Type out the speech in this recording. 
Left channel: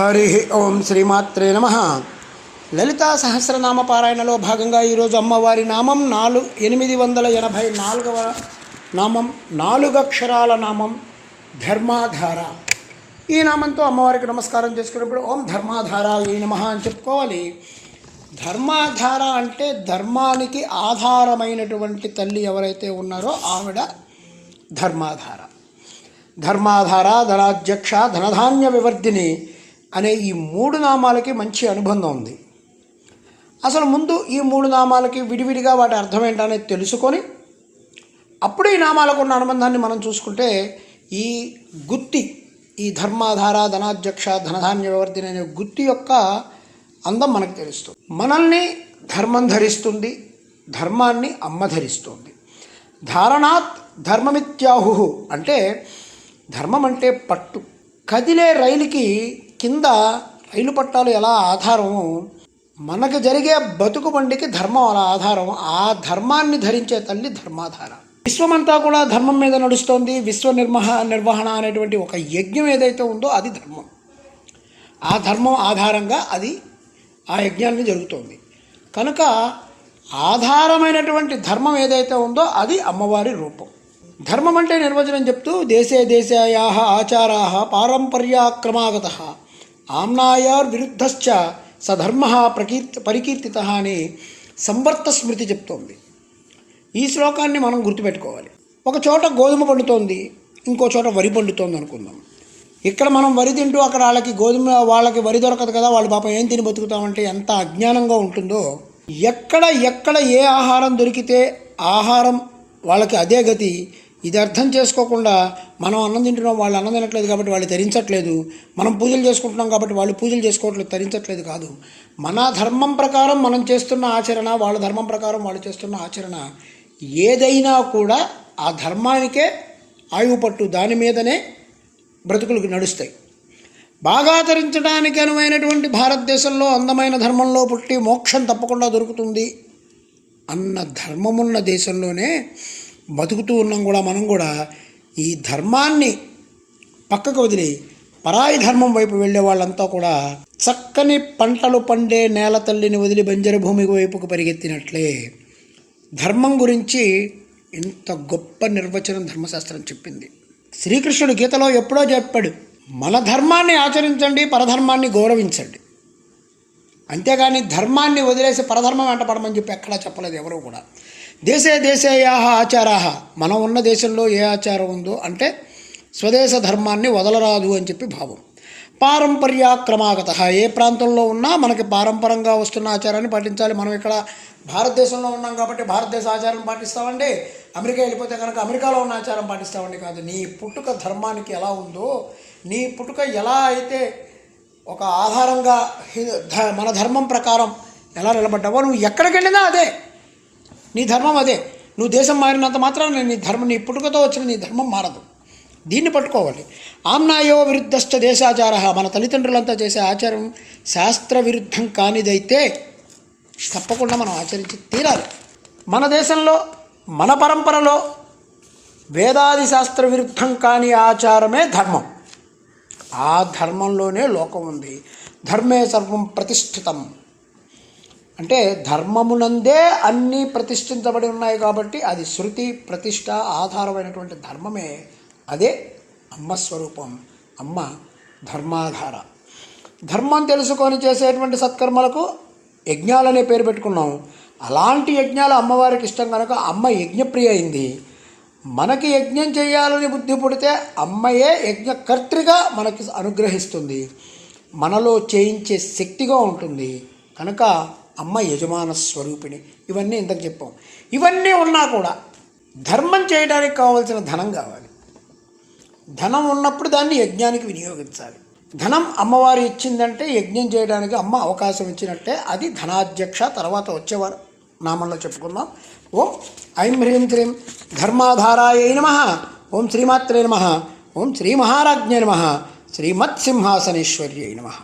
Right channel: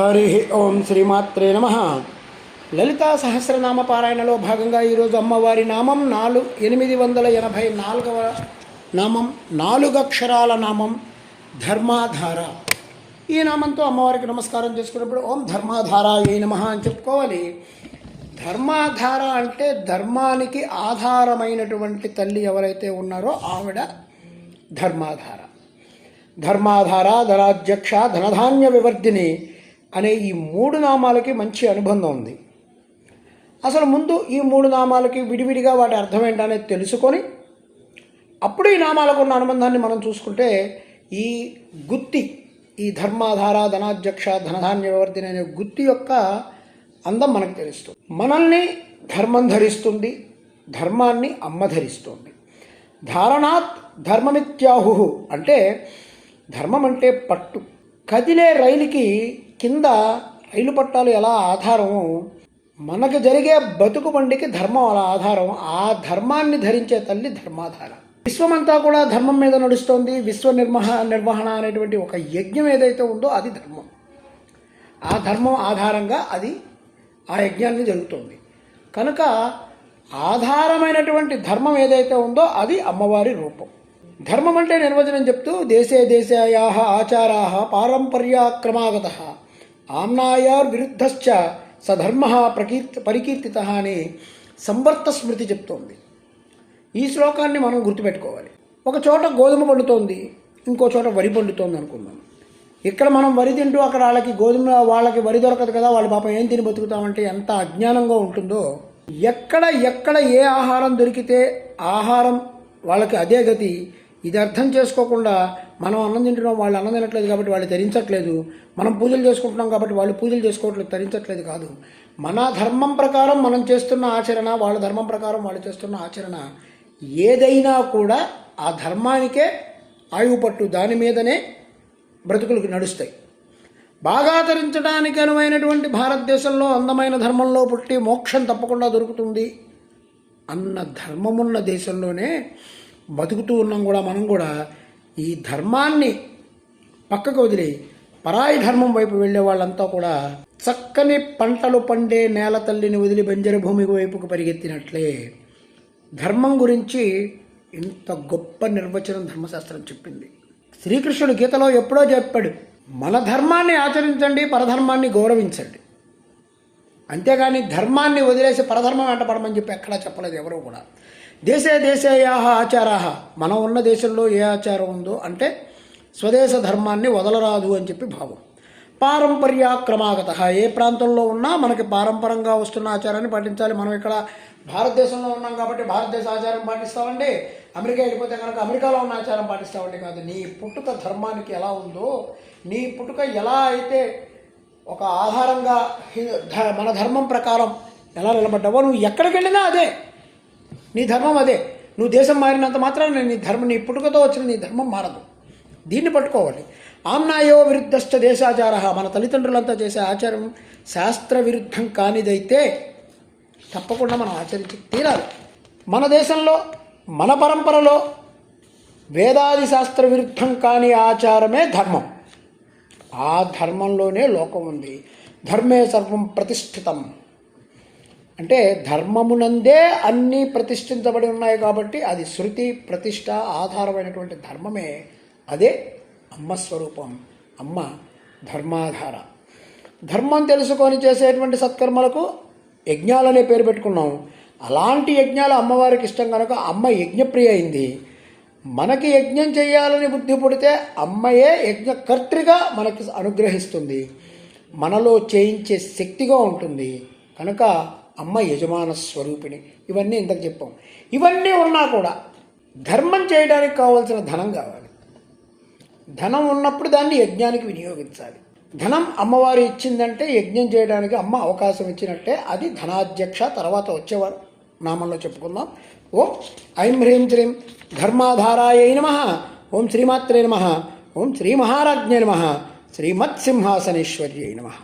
హరి ఓం శ్రీమాత్రే నమః. లలితా సహస్రనామ పారాయణలో భాగంగా ఈరోజు అమ్మవారి నామం 884వ నామం, 4 అక్షరాల నామం ధర్మాధార. ఈ నామంతో అమ్మవారికి నమస్కారం చేసుకున్నప్పుడు ఓం ధర్మాధారాయ నమః అని చెప్పుకోవాలి. ధర్మాధార అంటే ధర్మానికి ఆధారమైనటువంటి తల్లి ఎవరైతే ఉన్నారో ఆవిడ ధర్మాధార. ధర్మాధార, ధనాధ్యక్ష, ధనధాన్య వివర్ధిని అనే ఈ 3 నామాలకి మంచి అనుబంధం ఉంది. అసలు ముందు ఈ 3 నామాలకి విడివిడిగా వాటి అర్థం ఏంటనేది తెలుసుకొని అప్పుడు ఈ నామాలకు ఉన్న అనుబంధాన్ని మనం చూసుకుంటే ఈ గుత్తి, ఈ ధర్మాధార, ధనాధ్యక్ష, ధనధాన్య వివర్ధిని అనే గుత్తి యొక్క అందం మనకు తెలుస్తుంది. మనల్ని ధర్మం ధరిస్తుంది, ధర్మాన్ని అమ్మ ధరిస్తుంది. ధారణాత్ ధర్మమిత్యాహు అంటే ధర్మం అంటే పట్టు. కదిలే రైలుకి కింద రైలు పట్టాలు ఎలా ఆధారమో మనకు జరిగే బతుకు బండికి ధర్మం అలా ఆధారం. ఆ ధర్మాన్ని ధరించే తల్లి ధర్మాధార. విశ్వమంతా కూడా ధర్మం మీద నడుస్తోంది. విశ్వ నిర్వహణ అనేటువంటి ఒక యజ్ఞం ఏదైతే ఉందో అది ధర్మం. ఆ ధర్మం ఆధారంగా అది ఆ యజ్ఞాన్ని జరుగుతోంది. కనుక ఆధారమైనటువంటి ధర్మం ఏదైతే ఉందో అది అమ్మవారి రూపం. ధర్మం అంటే నిర్వచనం చెప్తూ దేశే దేశాయాః ఆచారాః పారంపర్యాక్రమాగతః ఆమ్నాయార్ విరుద్ధశ్చ సధర్మః పరికీర్తితః అని సంవర్త స్మృతి చెప్తోంది. ఈ శ్లోకాన్ని మనం గుర్తుపెట్టుకోవాలి. ఒక చోట గోధుమ పండుతోంది, ఇంకో చోట వరి పండుతోంది అనుకుందాం. ఇక్కడ మనం వరి తింటూ అక్కడ వాళ్ళకి వరి దొరకదు కదా, వాళ్ళు పాపం ఏం తిని బతుకుతామంటే ఎంత అజ్ఞానంగా ఉంటుందో. ఎక్కడ ఏ ఆహారం దొరికితే ఆహారం వాళ్ళకి అదే గతి. ఇది అర్థం చేసుకోకుండా మనం అన్నం తింటున్నాం, వాళ్ళు అన్నం తినట్లేదు కాబట్టి వాళ్ళు తరించట్లేదు, మనం పూజలు చేసుకుంటున్నాం కాబట్టి వాళ్ళు పూజలు చేసుకోవట్లేదు, తరించట్లేదు కాదు. మన ధర్మం ప్రకారం మనం చేస్తున్న ఆచరణ, వాళ్ళ ధర్మం ప్రకారం వాళ్ళు చేస్తున్న ఆచరణ ఏదైనా కూడా ఆ ధర్మానికే ఆయువు పట్టు, దాని మీదనే బ్రతుకులకు నడుస్తాయి. బాగా తరించడానికి అనువైనటువంటి భారతదేశంలో అందమైన ధర్మంలో పుట్టి మోక్షం తప్పకుండా దొరుకుతుంది అన్న ధర్మమున్న దేశంలోనే బతుకుతూ ఉన్నాం కూడా. మనం కూడా ఈ ధర్మాన్ని పక్కకు వదిలి పరాయి ధర్మం వైపు వెళ్ళే వాళ్ళంతా కూడా చక్కని పంటలు పండే నేల తల్లిని వదిలి బంజరు భూమి వైపుకు పరిగెత్తినట్లే. ధర్మం గురించి ఇంత గొప్ప నిర్వచనం ధర్మశాస్త్రం చెప్పింది. శ్రీకృష్ణుడు గీతలో ఎప్పుడో చెప్పాడు, మన ధర్మాన్ని ఆచరించండి, పరధర్మాన్ని గౌరవించండి. అంతేగాని ధర్మాన్ని వదిలేసి పరధర్మం వెంట పడమని చెప్పి ఎక్కడా చెప్పలేదు ఎవరూ కూడా. దేశే దేశేయాః ఆచారాః, మనం ఉన్న దేశంలో ఏ ఆచారం ఉందో అంటే స్వదేశ ధర్మాన్ని వదలరాదు అని చెప్పి భావం. పారంపర్యాక్రమాగతః, ఏ ప్రాంతంలో ఉన్నా మనకి పారంపరంగా వస్తున్న ఆచారాన్ని పాటించాలి. మనం ఇక్కడ భారతదేశంలో ఉన్నాం కాబట్టి భారతదేశ ఆచారం పాటిస్తామండి, అమెరికా వెళ్ళిపోతే కనుక అమెరికాలో ఉన్న ఆచారం పాటిస్తామండి కాదు. నీ పుట్టుక ధర్మానికి ఎలా ఉందో, నీ పుట్టుక ఎలా అయితే ఒక ఆధారంగా మన ధర్మం ప్రకారం ఎలా నిలబడ్డావో, నువ్వు ఎక్కడికి వెళ్ళినా అదే నీ ధర్మం, అదే. నువ్వు దేశం మారినంత మాత్రాన నీ పుట్టుకతో వచ్చిన నీ ధర్మం మారదు. దీన్ని పట్టుకోవాలి. ఆమ్నాయో విరుద్ధశ్చ దేశాచార, మన తల్లిదండ్రులంతా చేసే ఆచారం శాస్త్ర విరుద్ధం కానిదైతే తప్పకుండా మనం ఆచరించి తీరాలి. మన దేశంలో మన పరంపరలో వేదాది శాస్త్ర విరుద్ధం కాని ఆచారమే ధర్మం. ఆ ధర్మంలోనే లోకం ఉంది. ధర్మే సర్వం ప్రతిష్ఠితం అంటే ధర్మమునందే అన్నీ ప్రతిష్ఠించబడి ఉన్నాయి కాబట్టి అది శృతి ప్రతిష్ట ఆధారమైనటువంటి ధర్మమే. అదే అమ్మ స్వరూపం, అమ్మ ధర్మాధార. ధర్మం తెలుసుకొని చేసేటువంటి సత్కర్మలకు యజ్ఞాలనే పేరు పెట్టుకున్నాం. అలాంటి యజ్ఞాలు అమ్మవారికి ఇష్టం కనుక అమ్మ యజ్ఞప్రియ అయింది. మనకి యజ్ఞం చేయాలని బుద్ధి పుడితే అమ్మయే యజ్ఞకర్త్రిగా మనకి అనుగ్రహిస్తుంది, మనలో చేయించే శక్తిగా ఉంటుంది. కనుక అమ్మ యజమాన స్వరూపిణి. ఇవన్నీ ఇంతకు చెప్పాం. ఇవన్నీ ఉన్నా కూడా ధర్మం చేయడానికి కావాల్సిన ధనం కావాలి. ధనం ఉన్నప్పుడు దాన్ని యజ్ఞానికి వినియోగించాలి. ధనం అమ్మవారు ఇచ్చిందంటే యజ్ఞం చేయడానికి అమ్మ అవకాశం ఇచ్చినట్టే. అది ధనాధ్యక్ష. తర్వాత వచ్చేవారు నామంలో చెప్పుకుందాం. ఓం ఐం హ్రీం శ్రీం ధర్మాధారాయ నమః. ఓం శ్రీమాత్రే నమః. ఓం శ్రీ మహారాజ్ఞే నమః. శ్రీమత్సింహాసనేశ్వర్యై నమః.